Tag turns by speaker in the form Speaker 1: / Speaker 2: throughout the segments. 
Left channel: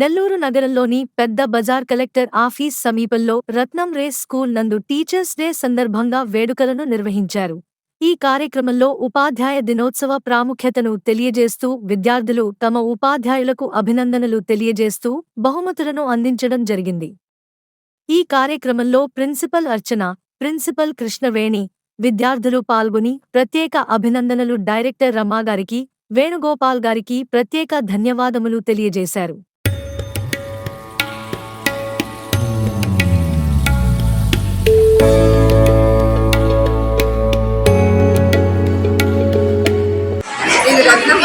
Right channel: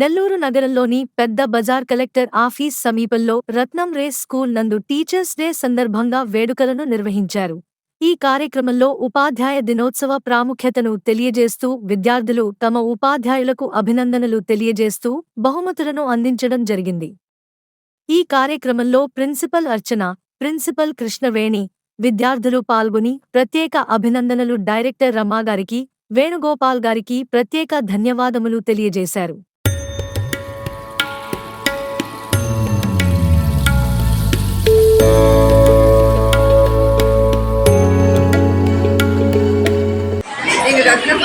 Speaker 1: నెల్లూరు నగరంలోని పెద్ద Bazar collector office సమీపంలో రత్నం రేస్ స్కూల్ నందు టీచర్స్ డే సందర్భంగా వేడుకలను నిర్వహించారు ఈ కార్యక్రమంలో ఉపాధ్యాయ దినోత్సవ ప్రాముఖ్యతను తెలియజేస్తూ విద్యార్థులు తమ ఉపాధ్యాయులకు అభినందనలు తెలియజేస్తూ బహుమతులను అందించడం జరిగింది ఈ కార్యక్రమంలో ప్రిన్సిపల్ అర్చన ప్రిన్సిపల్ కృష్ణవేణి విద్యార్థులు పాల్గొని ప్రత్యేక అభినందనలు డైరెక్టర్ రమాగారికి వేణుగోపాల్ గారికి ప్రత్యేక ధన్యవాదములు తెలియజేశారు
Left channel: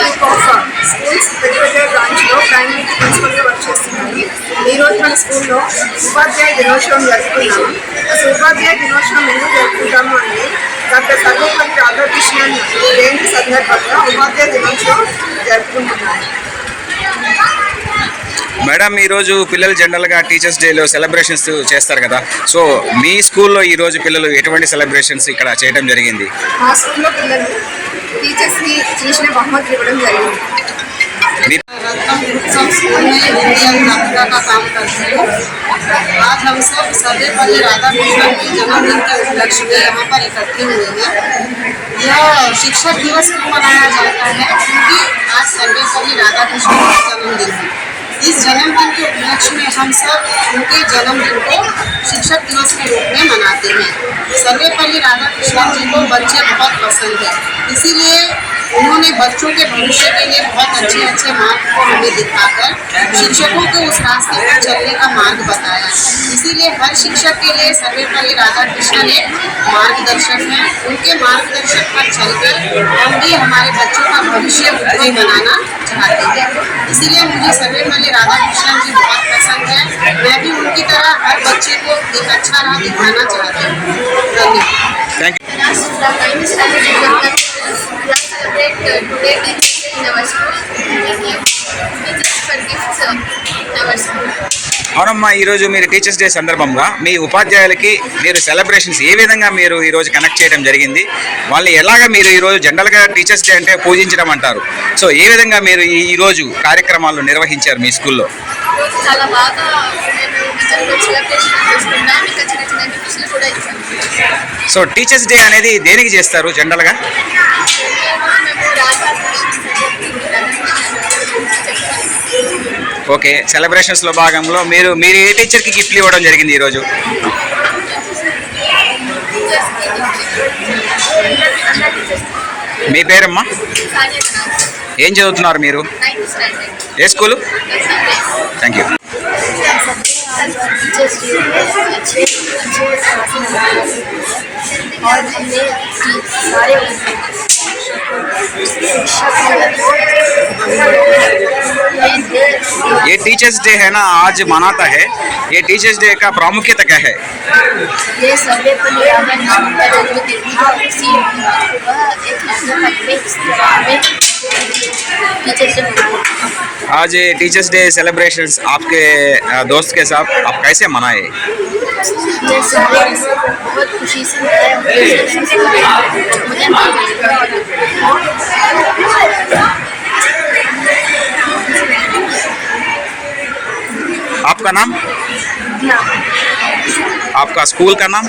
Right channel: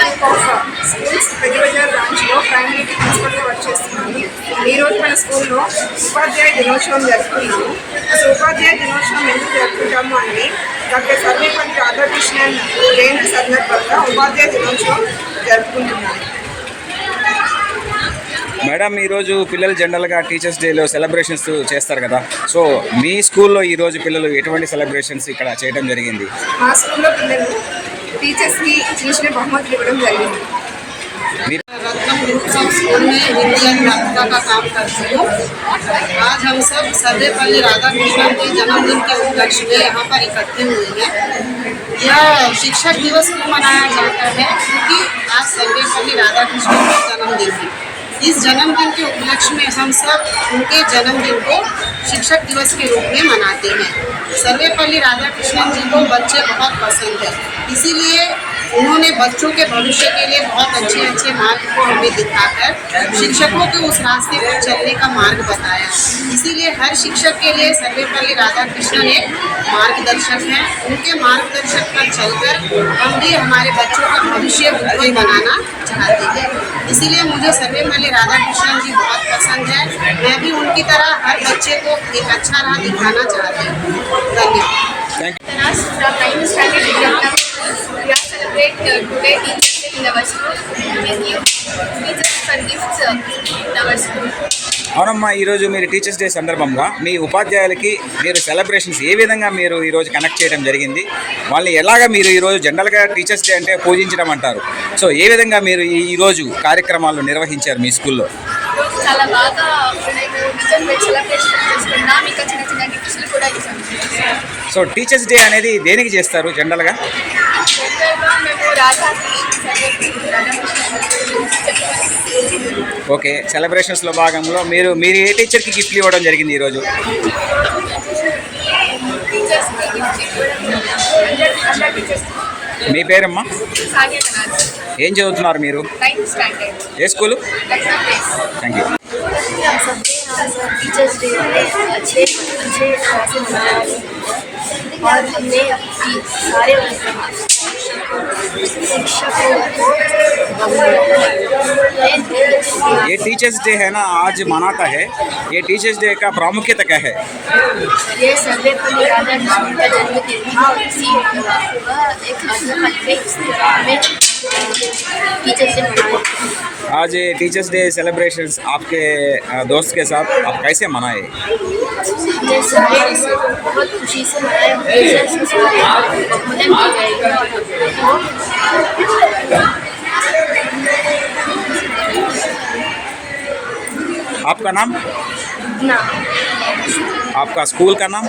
Speaker 1: ఆఫ్ స్కూల్స్ పెద్ద పెద్ద బ్రాంచ్లో ప్రైమరీ ప్రిన్సిపల్గా
Speaker 2: వర్క్ చేస్తున్నాను ఈ రోజు మన స్కూల్లో ఉపాధ్యాయ దినోత్సవం జరుపుకున్నాము అసలు ఉపాధ్యాయ దినోత్సవం ఎందుకు జరుపుకుంటాము అంటే డాక్టర్ సర్వేపల్లి రాధాకృష్ణన్ జయంతి సందర్భంగా ఉపాధ్యాయ దినోత్సవం జరుపుకుంటున్నాను మేడం ఈరోజు పిల్లలు జనరల్గా టీచర్స్ డేలో సెలబ్రేషన్స్ చేస్తారు కదా సో మీ స్కూల్లో ఈరోజు పిల్లలు ఎటువంటి సెలబ్రేషన్స్ ఇక్కడ చేయడం జరిగింది
Speaker 3: మా స్కూల్లో పిల్లలు टीचर्स भी బహుమతులు ఇవ్వడం జరిగింది
Speaker 4: हम स्कूल में हिंदी अनुराधा का काम करती हूँ आज हम सब सर्वेपल्ली राधा कृष्ण के जन्मदिन के उपलक्ष्य में यहाँ पर इकट्ठे हुए हैं यह शिक्षक दिवस क्यों मनाया जाता है क्योंकि आज सर्वेपल्ली राधा कृष्णन का जन्मदिन है इस जन्मदिन के उपलक्ष्य में हम सब उनके जन्मदिन को शिक्षक दिवस के रूप में मनाते हैं सर्वेपल्ली राधा कृष्णन जी को बच्चे बहुत पसंद है इसीलिए उन्होंने बच्चों के भविष्य के लिए बहुत अच्छे अच्छे मार्ग को हमें दिखाकर शिक्षकों के उस रास्ते पर चलने का मार्ग बताया इसीलिए हर शिक्षक के लिए सर्वेपल्ली राधा कृष्णन एक मार्गदर्शक हैं उनके मार्गदर्शन पर चलकर हम भी हमारे बच्चों का भविष्य उज्जवल बनाना चाहते हैं इसीलिए मुझे राधा राधाकृष्णन जी बहुत पसंद है मैं भी उनकी तरह हर बच्चे को एक अच्छा राह दिखाना चाहती हूँ धन्यवाद Thank you.
Speaker 2: in our school. we for gifts in our school. అవునమ్మా ఈరోజు మీరు టీచర్స్ డే సందర్భంగా మీ ఉపాధ్యాయులకి మీరు సెలబ్రేషన్స్ ఏ విధంగా మీరు ఈరోజు కనెక్ట్ చేయడం జరిగింది వాళ్ళని ఎలాగ మీరు ఈరోజు జనరల్గా టీచర్స్ డే అంటే పూజించడం అంటారు సో ఏ విధంగా మీరు ఈరోజు కార్యక్రమాలు నిర్వహించారు మీ స్కూల్లో చాలా బాగా సో టీచర్స్ డే అనేది దేనికి చేస్తారు జనరల్గా ఓకే సెలబ్రేషన్స్లో భాగంలో మీరు మీరు ఏ టీచర్కి గిఫ్ట్లు ఇవ్వడం జరిగింది ఈరోజు మీ పేరమ్మా ఏం చదువుతున్నారు మీరు ఏ స్కూలు థ్యాంక్ యూ और हमने सारे ये टीचर्स डे है ना आज मनाता है ये टीचर्स डे का प्रामुख्यता क्या है ये सर्वे पर टीचर्स डे आज टीचर्स डे सेलिब्रेशन आपके दोस्त के साथ आप कैसे मनाए बहुत खुशी से आपका नाम ना। आपका स्कूल का नाम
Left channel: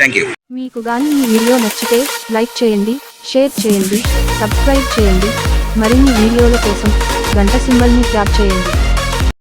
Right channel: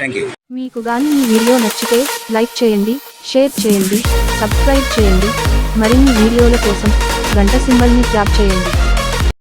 Speaker 2: थैंक यू మీకు గాని ఈ వీడియో నచ్చితే లైక్ చేయండి షేర్ చేయండి సబ్స్క్రైబ్ చేయండి మరిన్ని వీడియోల కోసం గంట సింబల్ని ట్యాప్ చేయండి